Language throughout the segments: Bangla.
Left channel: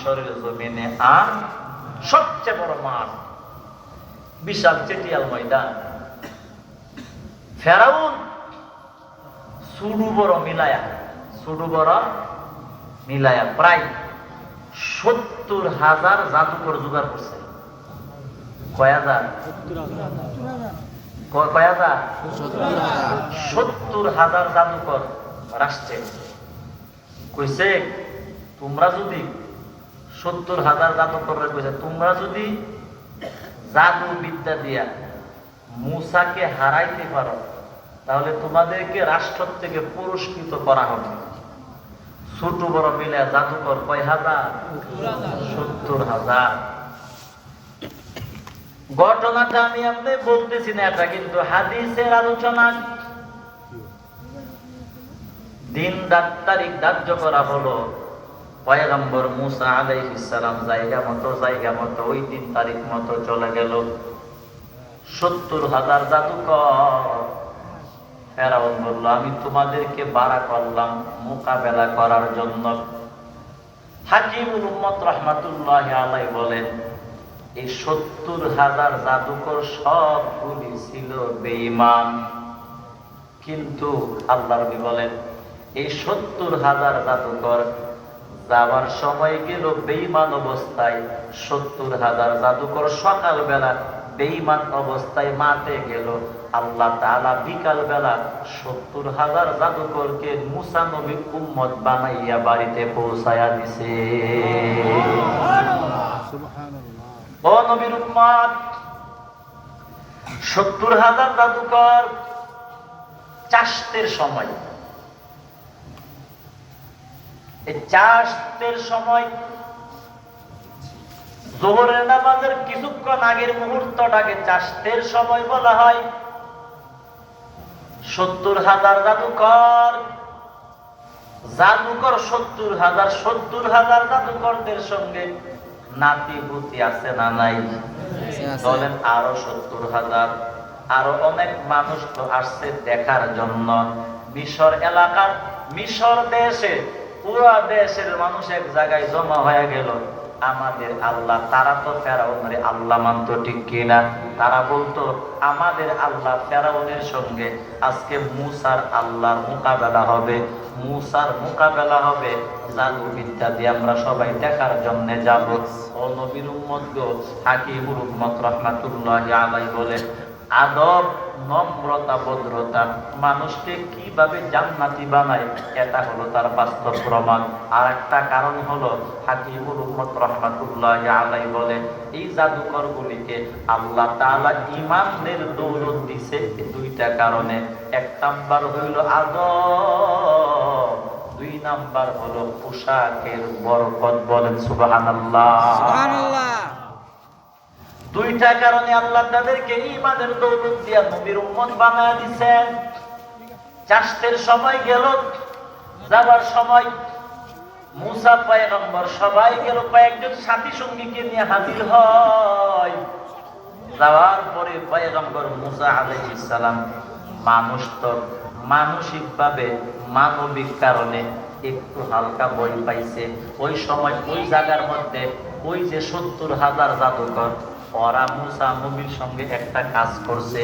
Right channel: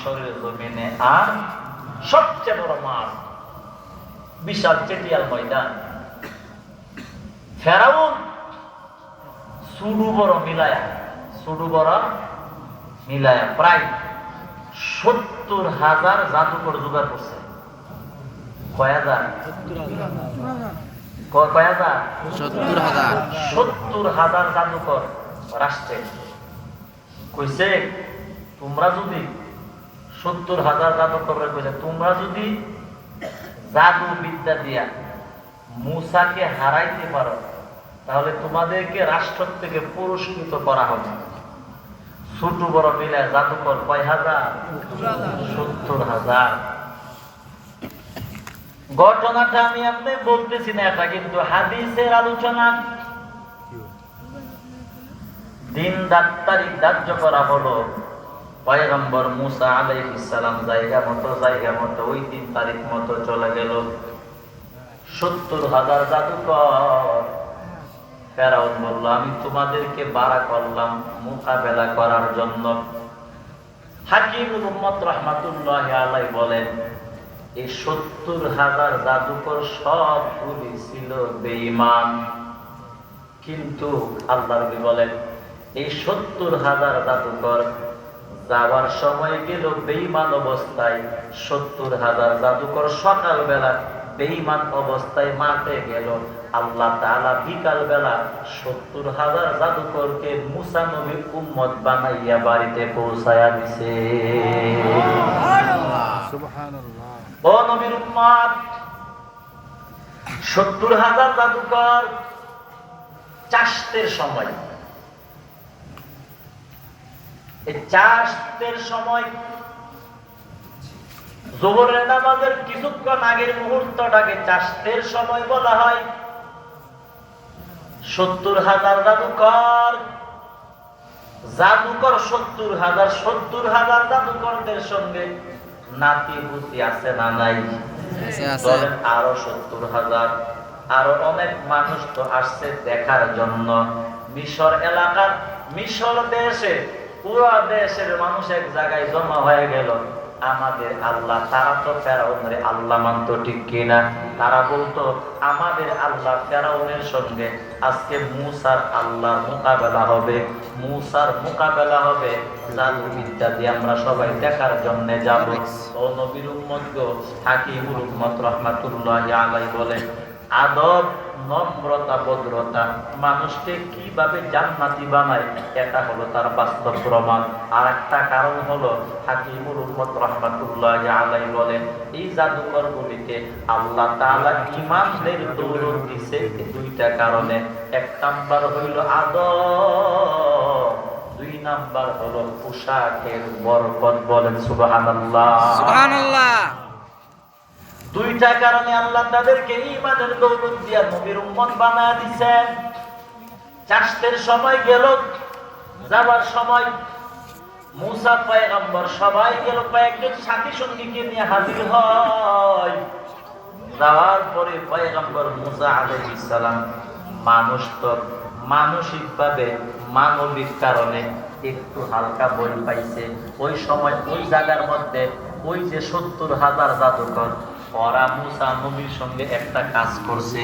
মিশরের জমিনে সবচেয়ে বড় মাঠ, বিশাল চেটিয়াল ময়দান। ফেরাউন সুডু বড় মিলায়া প্রায় 70,000 জাদুকর জোগাড় করছে। কয় হাজার? 70,000 জাদুকর রাষ্ট্রে কইছে, তোমরা যদি 70,000 জাদুকর কইছে, তোমরা যদি জাদু বিদ্যা দিয়া মূসাকে হারাইতে পারো তাহলে তোমাদেরকে রাষ্ট্র থেকে পুরস্কৃত করা হবে। ছোট বড় মিলে জাদুকর কয় হাজার? 70,000। ঘটনাটা আমি আপনি বলতেছি না, এটা কিন্তু হাদিসের আলোচনা। দিন তারিখ ধার্য করা হলো, পয়গম্বর মূসা আলাইহিস সালাম জায়গা মতো ওই দিন তারিখ মতো চলে গেল। 70,000 জাদুকর। ফেরাউন বলল, আমি তোমাদেরকে বাড়া করলাম মোকাবেলা করার জন্য। হাকিমুল উম্মত রাহমাতুল্লাহি আলাইহি বলেন, এই 70,000 জাদুকর সবগুলি ছিল বেঈমান। কিন্তু আল্লাহ নবী বলেন, এই 70,000 জাদুকর যাওয়ার সময় গেল বেঈমান অবস্থায়। 70,000 জাদুকর সকালবেলা বেঈমান অবস্থায় মাঠে গেল। আল্লাহ তাআলা বিকাল বেলা 70,000 জাদুকরকে মূসা নবীর উম্মত বানাইয়া বাড়িতে পৌঁছায়া দিছে। ও নবীর উম্মত, 70,000 জাদুকর চাষতের সময়, এই চাষতের সময় যোহরের নামাজের কিছুক্ষণ আগের মুহূর্তটাকে চাষতের সময় বলা হয়। 70,000 জাদুকর 70,000 জাদুকরদের সঙ্গে নাতি পুতি আছে না নাই? বলেন আরো 70,000। আরো অনেক মানুষ তো আসছে দেখার জন্য। মিশর এলাকার, মিশর দেশে, পুরো দেশের মানুষ এক জায়গায় জমা হয়ে গেল। আমাদের আল্লাহ, তারা তো ফেরাউনের আল্লাহ মানত, ঠিক কিনা? তারা বলতো আমাদের আল্লাহ ফেরাউনের সঙ্গে আজকে মূসার আল্লাহর মোকাবেলা হবে, মূসার মোকাবেলা হবে। জাদু বিদ্যা দিয়ে আমরা সবাই দেখার জন্য যাব। ও নবীর উম্মত, হাকিমুল উম্মত রাহমাতুল্লাহি আলাইহি বলে, আদব, নম্রতা, ভদ্রতা মানুষকে কিভাবে জান্নাতি বানায়, এটা হলো তার বাস্তব প্রমাণ। আর একটা কারণ হলো, হাকিমুল উম্মত রাহমাতুল্লাহি আলাইহি বলেন, এই জাদুকর গুলিকে আল্লাহ তাআলা ঈমানের দৌলত দিয়েছে দুইটা কারণে। এক নাম্বার হইল আদব, দুই নাম্বার হলো পোশাকের বরকত। বলেন সুবহানাল্লাহ, সুবহানাল্লাহ। দুইটা কারণে আল্লাহ তাদেরকে ঈমানের দৌলত দিয়া নবীর উম্মত বানায় দিয়েছেন। চাষতের সময় গেল, যাবার সময় মূসা পয়গম্বর সবাই গেল, কয়েকজন সাথী সঙ্গীকে নিয়ে হাজির হয়। যাওয়ার পরে পয়গম্বর মূসা আলাইহিস সালাম মানুষ তো মানসিকভাবে, মানবিক কারণে একটু হালকা বই পাইছে। ওই সময় ওই জায়গার মধ্যে ওই যে 70,000 জাদুকর, ওরা মূসা নবীর সঙ্গে একটা কাজ করছে।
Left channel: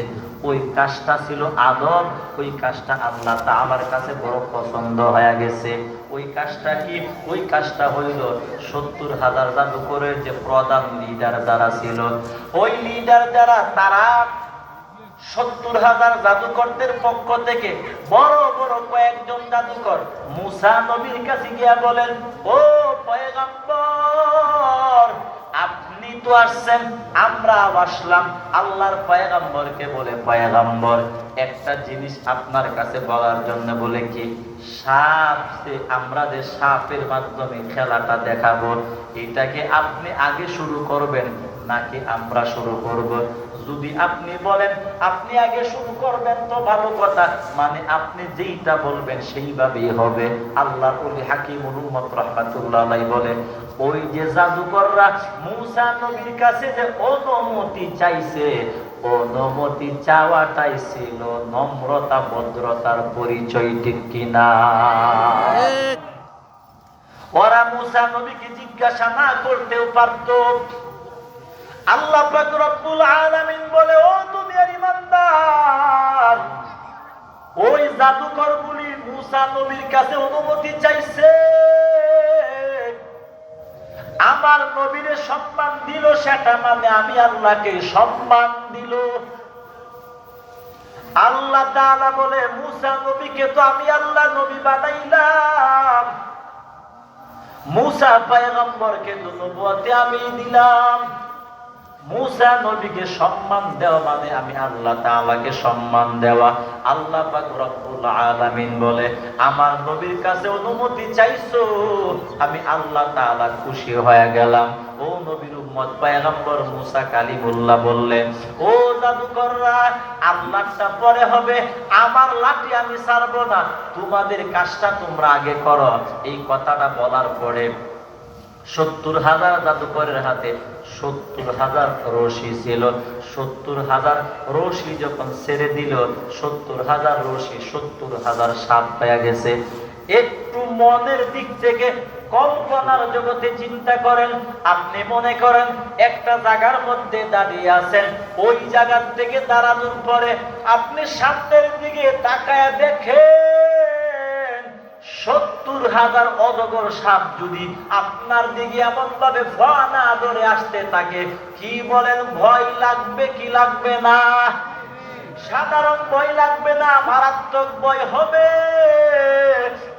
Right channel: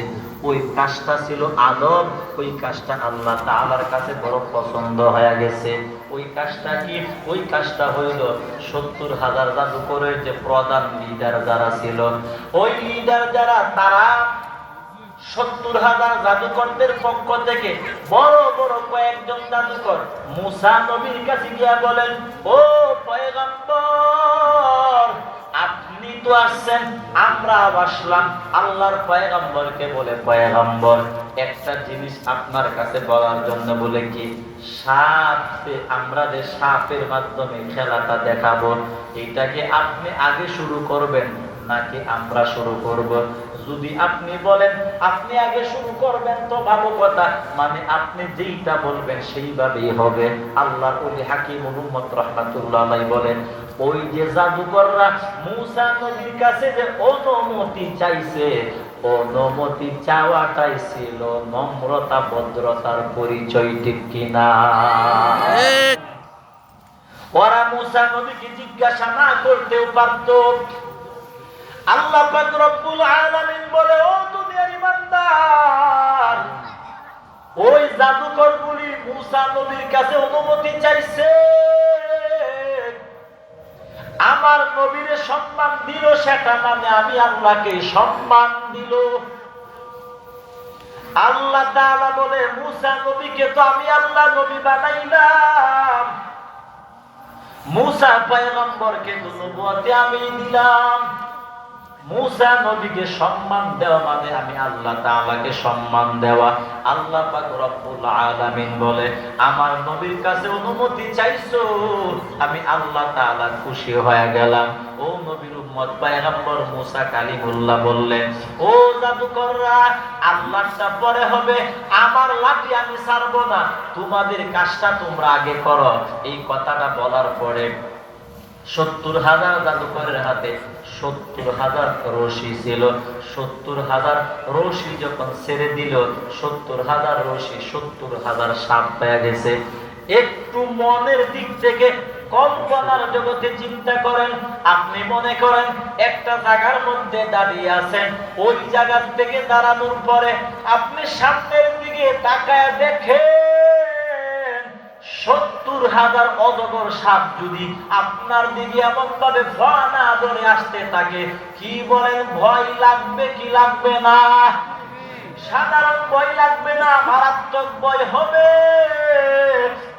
ওই কাজটা ছিল আদব, ওই কাজটা আল্লাহ তাআলার কাছে বড় পছন্দ হয়ে গেছে। ওই কাজটা কি? ওই কাজটা হইল 70,000 জাদুকরের যে প্রধান লিডার যারা ছিল, ওই লিডার যারা, তারা 70,000 জাদুকরদের পক্ষ থেকে বড় বড় কয়েকজন জাদুকর মূসা নবীর কাছে গিয়া বলেন, ও পয়গম্বর, আপনি তো আসছেন, আমরা আসলাম। আল্লাহর পয়গম্বরকে বলে, পয়গম্বর, একটা জিনিস আপনার কাছে বলার জন্য। বলে কি? সাপ, আমরা যে সাপের মাধ্যমে খেলাটা দেখাবো, এটাকে আপনি আগে শুরু করবেন নাকি আমরা শুরু করব? যদি আপনি বলেন আপনি আগে শুরু করবেন তো ভালো কথা, মানে আপনি যেইটা বলবেন সেইভাবেই হবে। আল্লাহর ওলি হাকিমুল উম্মত রাহমাতুল্লাহি আলাইহি বলেন, ওই যে জাদুকররা মূসা নবীর কাছে যে অনুমতি চাইছে, অনুমতি চাওয়াটাই ছিল নম্রতা, ভদ্রতার পরিচয়, ঠিক কিনা? ওরা মুসা নবীকে জিজ্ঞাসা না করতেও পারত। আল্লাহ পাক রব্বুল আলামিন বলে, ও দুনিয়ার ইমানদার, ওই জাদুকরগুলি মুসা নবীর কাছে অনুমতি চাইছে, আমার নবীর সম্মান দিল, সেটা মানে আমি আল্লাহকে সম্মান দিল। আল্লাহ তাআলা বলে, মুসা নবীকে তো আমি আল্লাহ নবী বানাইলাম, মুসা পয়গম্বরকে তো নবুয়তে আমি দিলাম। মুসা নবীকে সম্মান দেওয়া মানে আমি আল্লাহ তাআলাকে সম্মান দেওয়া। আল্লাহ পাক রব্বুল আলামিন বলে, আমার নবীর কাছে অনুমতি চাইছো, আমি আল্লাহ তাআলা খুশি হয়ে গেলাম। ও নবীর উম্মত পয়গম্বর মুসা কালিমুল্লাহ বললেন, ও জাদুকররা, আল্লাহটা পরে হবে, আমার লাঠি আমি ছাড়বো না, তোমাদের কাজটা তোমরা আগে করো। এই কথাটা বলার পরে ৭০,০০০ জাদুকরের হাতে ৭০,০০০ রশি ছিল। ৭০,০০০ রশি যখন ছেড়ে দিল, ৭০,০০০ রশি ৭০,০০০ সাপ পেয়ে গেছে। একটু মনের দিক থেকে কল্পনার জগতে চিন্তা করেন। আপনি মনে করেন একটা জায়গার মধ্যে দাঁড়িয়ে আছেন, ওই জায়গা থেকে দাঁড়ানোর পরে আপনি সামনের দিকে তাকায় দেখেন ৭০,০০০ অজগর সাপ যদি আপনার দিকে এমন ভাবে ভয় না ধরে আসতে থাকে, কি বলেন, ভয় লাগবে কি লাগবে না? সাধারণ ভয় লাগবে না, মারাত্মক ভয় হবে।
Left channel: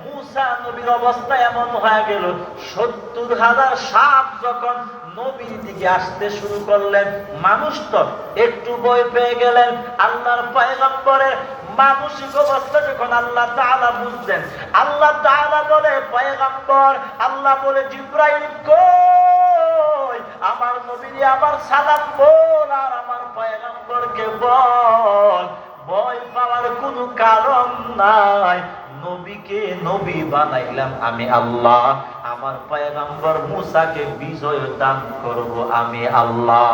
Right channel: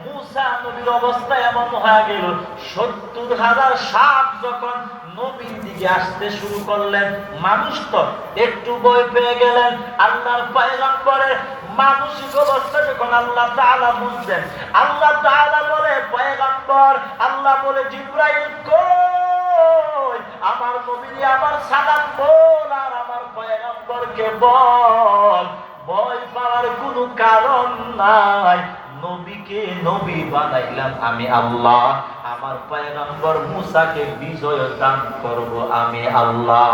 মুসা নবীর অবস্থা এমন হয়ে গেল, ৭০,০০০ সাপ যখন নবীর দিকে আসতে শুরু করলেন, মানুষ তো একটু ভয় পেয়ে গেলেন। আল্লাহর পয়গম্বরের মানসিক অবস্থা যখন আল্লাহ তাআলা বুঝলেন, আল্লাহ তাআলা বলে, পয়গম্বর, আল্লাহ বলে, জিবরাইল কই, আমার নবী আমার সালাম বল, আর আমার পয়গম্বরকে বল, ভয় পাওয়ার কোনো কারণ নাই, নবীকে নবী বানাইলাম আমি আল্লাহ, আমার পয়গম্বর মুসাকে বিজয় দান করব আমি আল্লাহ।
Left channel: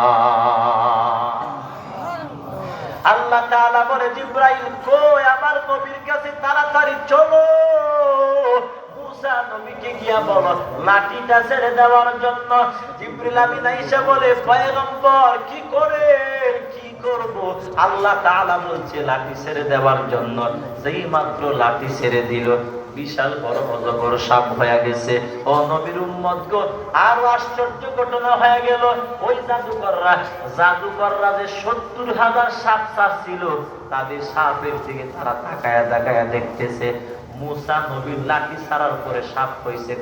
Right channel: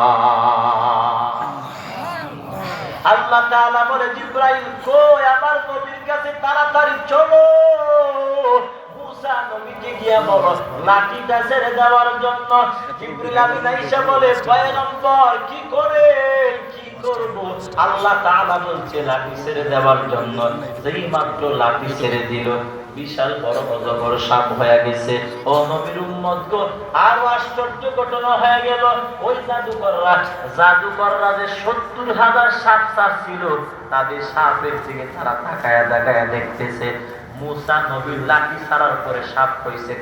আল্লাহ তাআলা বলে, জিবরাইল কই, আমার নবীর কাছে তাড়াতাড়ি চলো। মুসা নবীকে গিয়া বলো লাঠিটা ছেড়ে দেওয়ার জন্য। জিবরাইল আমিন আইসা বলে, পয়গম্বর কি করে কি করব? আল্লাহ তাআলা বলছে লাঠি ছেড়ে দেওয়ার জন্য। যেই মাত্র লাঠি ছেড়ে দিল, বিশাল বড় অজগর সাপ হয়ে গেছে। ও নবীর উম্মত গো, আরো আশ্চর্য ঘটনা হয়ে গেল। ওই জাদুকররা যে ৭০,০০০ সাপ ছিল, তাদের সাপের দিকে তারা তাকায়া তাকায়া দেখতেছে। মুসা নবীর লাঠি ছাড়ার পরে সাপ হয়েছে